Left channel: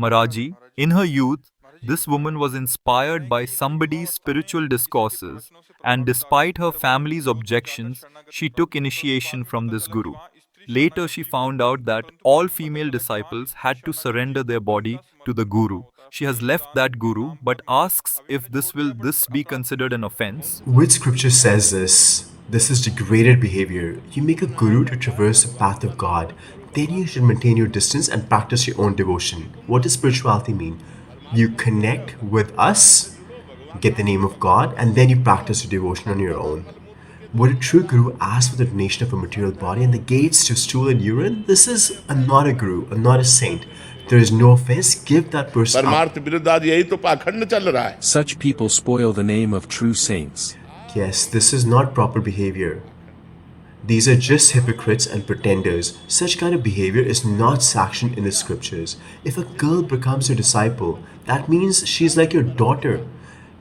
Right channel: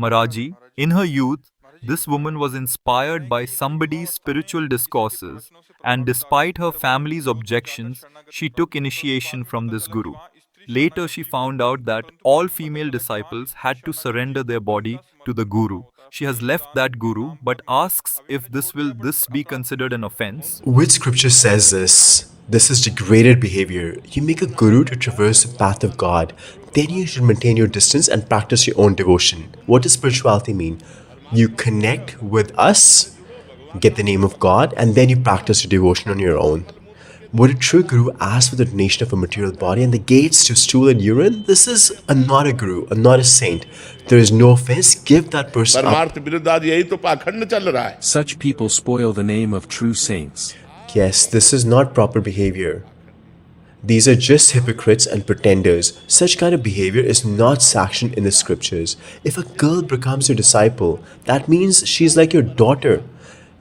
Maharaji, in her youth, this woman was inspired by somebody's spiritual discourses, and despite her family's objections, she took initiation from this guru. Later, she found out that all female disciples had to surrender their body to the guru. She has left that guru but asks if this be considered an offense. Which scripture says this? This is degraded behavior. You make a guru to traverse the path of God. Then you should maintain your distance and practice your own devotion. What does spirituality mean? You connect with us, get the name of God, and then you practice your devotion on your own. Would a true guru ask for the donation of a material body and the gates to stool and urine? This is not a guru, not a saint. There is no offense. Give that person up. Such people spoil the name of true saints. Yes, this is not proper behavior. These are just hypocrites and pretenders. Such kind of behavior is not sanctioned in the scriptures. If a girl becomes your disciple, that means she is like your daughter.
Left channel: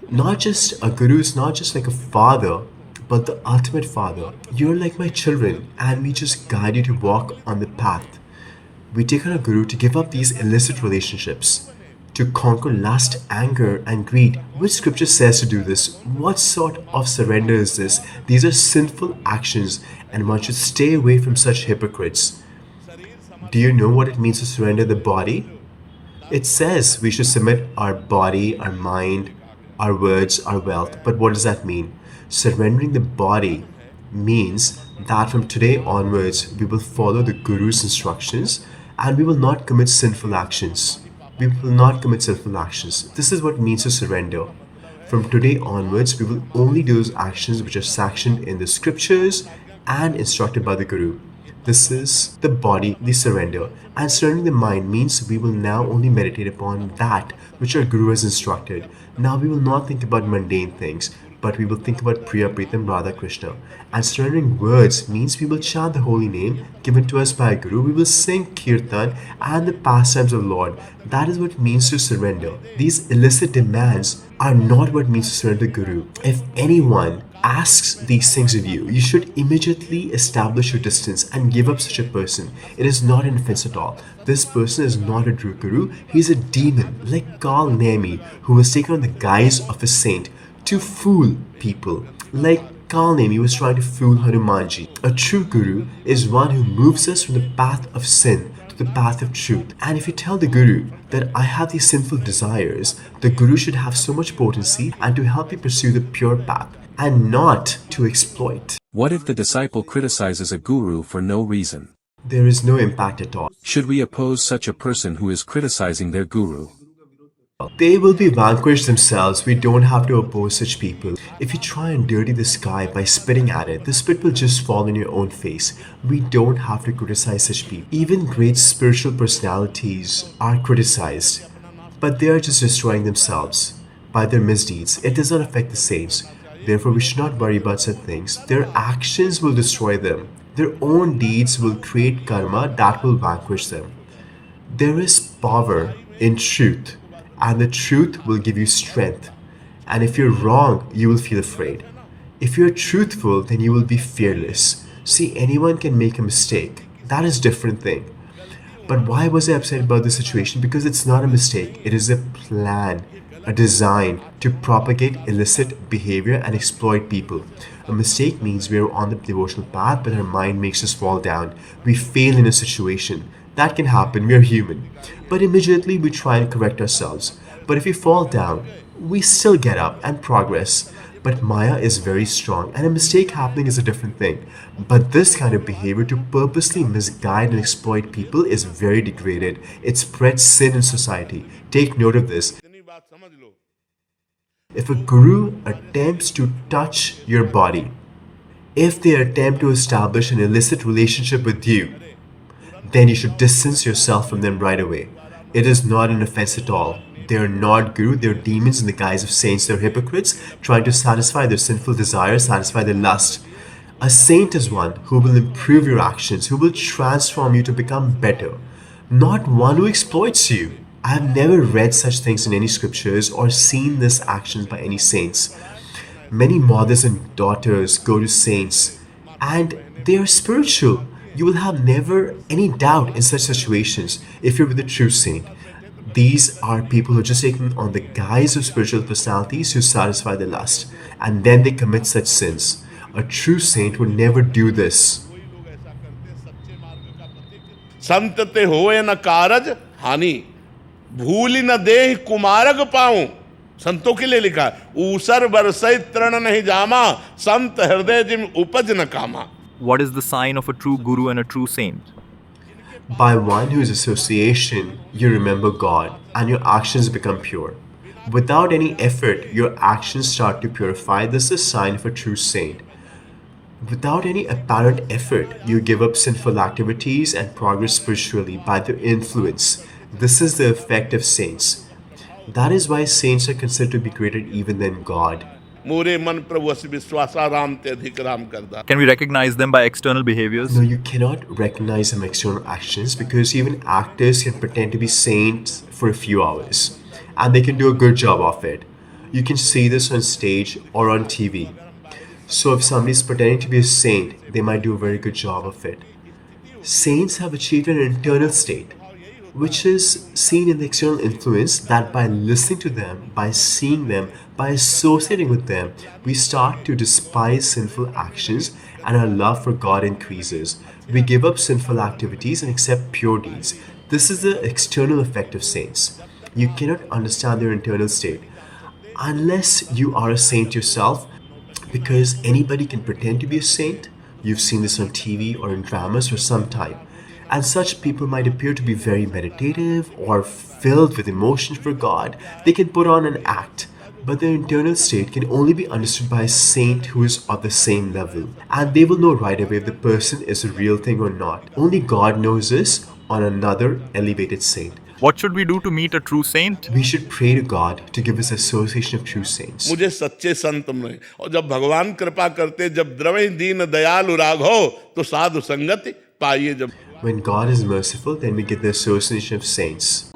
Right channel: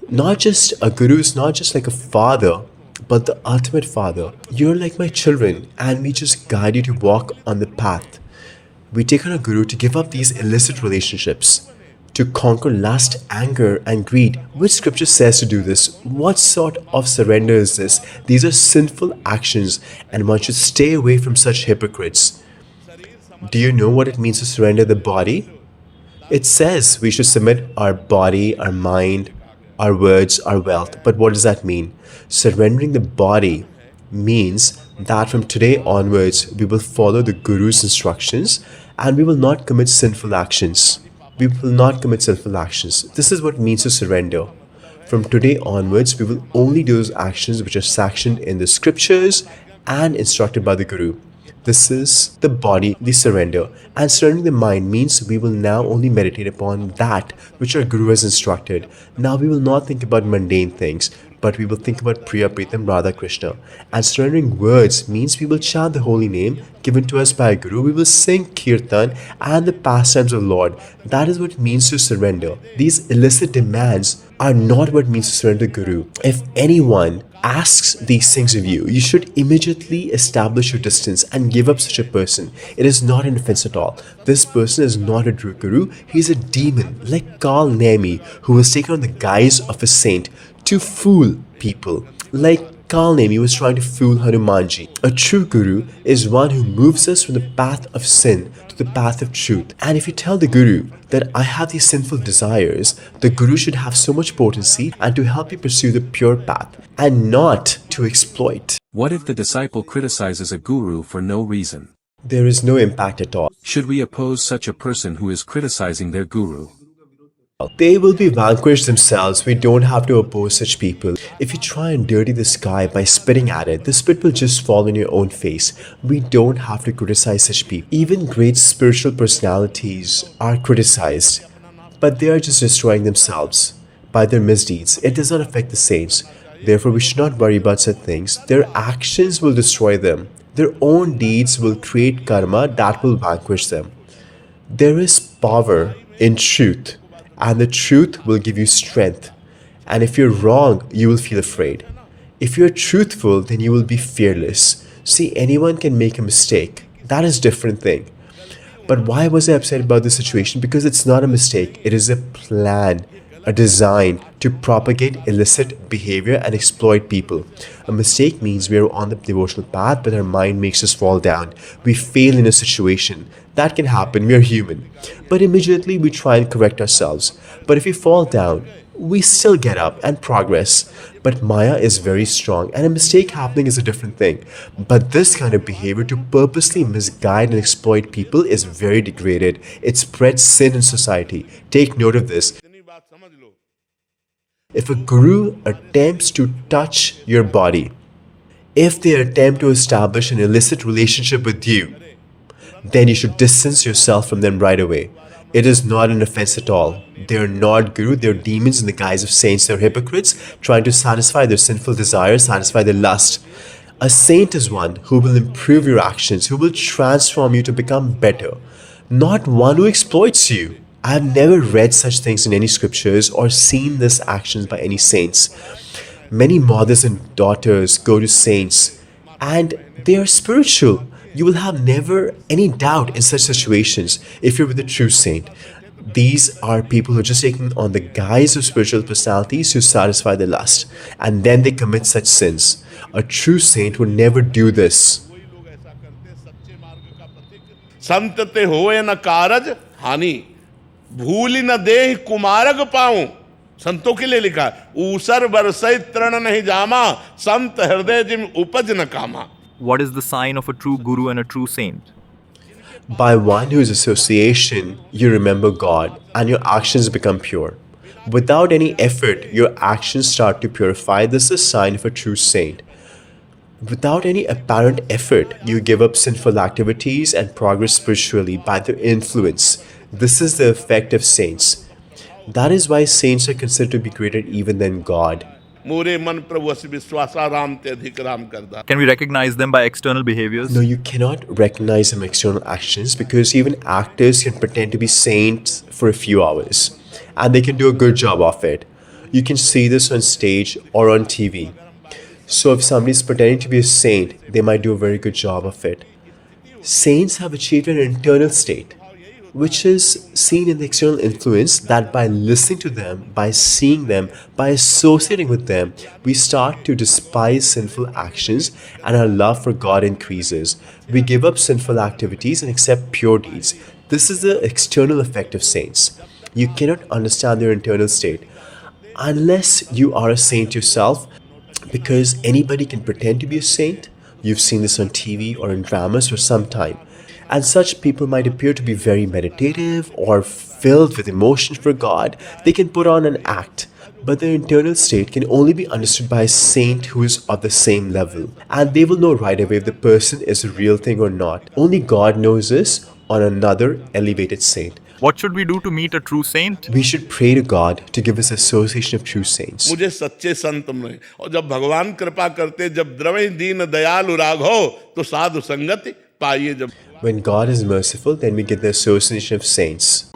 Not just a guru is not just like a father, but the ultimate father. You're like my children, and we just guide you to walk on the path. We take on a guru to give up these illicit relationships, to conquer lust, anger, and greed. Which scripture says to do this? What sort of surrender is this? These are sinful actions, and one should stay away from such hypocrites. Do you know what it means to surrender the body? It says we should submit our body, our mind, our words, our wealth. But what does that mean? Surrendering the body means that from today onwards, we will follow the Guru's instructions and we will not commit sinful actions. We will not commit sinful actions. This is what it means to surrender. From today onwards, we will only do those actions which are sanctioned in the scriptures and instructed by the Guru. This is the body, the surrender. And surrendering the mind means we will now only meditate upon that which our Guru has instructed. Now we will not think about mundane things, but we will think about Priya Pritam Radha Krishna. And surrendering words means we will chant the holy name given to us by Guru. We will sing Kirtan and the pastimes of Lord. That is what it means to surrender. These illicit demands are not what it means to surrender to Guru. If anyone asks these things of you, you should immediately establish your distance and give up such a person. It is not an offense at all. This person is not a true Guru. He is a demon like Kal Nemi, who was taken on the guise of a saint to fool people. Like Kal Nemi was trying to fool Hanumanji. A true Guru is one who moves us from the path of sin to the path of truth. And if you tell the Guru that I have these sinful desires, the Guru should have so much potency and to help you pursue the pure path and not to exploit. What if the disciple criticizes a guru for no reason? There is no impact at all. Should we oppose such a person who is criticizing their guru? They will be vanquished themselves. We don't have to oppose such people. If you try and dirty the sky by spitting at it, the spit will just fall in your own face. We don't have to criticize such people. Even great spiritual personalities are criticized, but they are just destroying themselves by their misdeeds. It does not affect the saints. Therefore, we should not worry about such things. Their actions will destroy them. Their own deeds will create karma that will vanquish them. There is power in truth, and the truth will give you strength. And if you're wrong, you will feel afraid. If you're truthful, then you will be fearless. See, anyone can make a mistake. That is a different thing. But why was I upset about this situation? Because it's not a mistake. It is a plan, a design to propagate illicit behavior and exploit people. A mistake means we are on the devotional path, but our mind makes us fall down. We fail in a situation. That can happen, we are human. But immediately we try and correct ourselves. But if we fall down, we still get up and progress. But Maya is very strong, and a mistake happening is a different thing. But this kind of behavior to purposely misguide and exploit people is very degraded. It spreads sin in society. Take note of this. If a guru attempts to touch your body, if they attempt to establish an illicit relationship with you, then you should distance yourself from them right away. It is not an offense at all. They are not guru, they are demons in the guise of saints. They are hypocrites trying to satisfy their sinful desires, satisfy their lust. A saint is one who will improve your actions, who will transform you to become better, not one who exploits you. I have never read such things in any scriptures or seen this actions by any saints. Many mothers and daughters go to saints and they are spiritual. You will have never any doubt in such situations if you're with a true saint. These are people who are just taking on the guise of spiritual personalities to satisfy their lust, and then they commit such sins. A true saint would never do this. संत ते होए न कारज हानि, भूल न देह कुमारग पाऊं। संतों के लिए लिखा है, ऊसर बरसई तृण नहीं जामा, संत हृदय जिम उपज न कामा। What is the sign of a true guru and a true saint? By one whose association, you remember God and your actions become pure. Without any effort, your actions start to purify. This is a sign of a true saint. Without any apparent effort, you give up sinful activities and progress spiritually by their influence. This is the effect of saints. That is why saints are considered to be greater even than God. मोरे मन प्रभु अस विश्वासा राम ते अधिक राम करदा। Can we recognize them by external behaviors? No, you cannot recognize them external actions because even actors can pretend to be saints for a few hours and they can do a good job of it. You can see this on stage or on TV. So if somebody is pretending to be a saint, they might do a very good job of it. Saints have achieved an internal state, which is seen in the external influence that by listening to them, by seeing them, by associating with them, we start to despise sinful actions and our love for God increases. We give up sinful activities and accept pure deeds. This is the external effect of saints. You cannot understand their internal state unless you are a saint yourself, because anybody can pretend to be a saint. You've seen this on TV or in dramas for some time. And such people might appear to be very meditative or filled with emotion for God. They can put on an act, but their internal state can only be understood by a saint who is of the same level. And they will know right away if the person is a real thing or not. Only God knows this on another elevated saint. What should we do to meet a true saint? We should pray to God to give us association of true saints. मुझे सच्चे संत मिले, और जब भगवान कृपा करते, जब द्रवै दीन दयालु राघो, तो साधु संगति पाइए। जब When God is merciful, then we get the association of saints.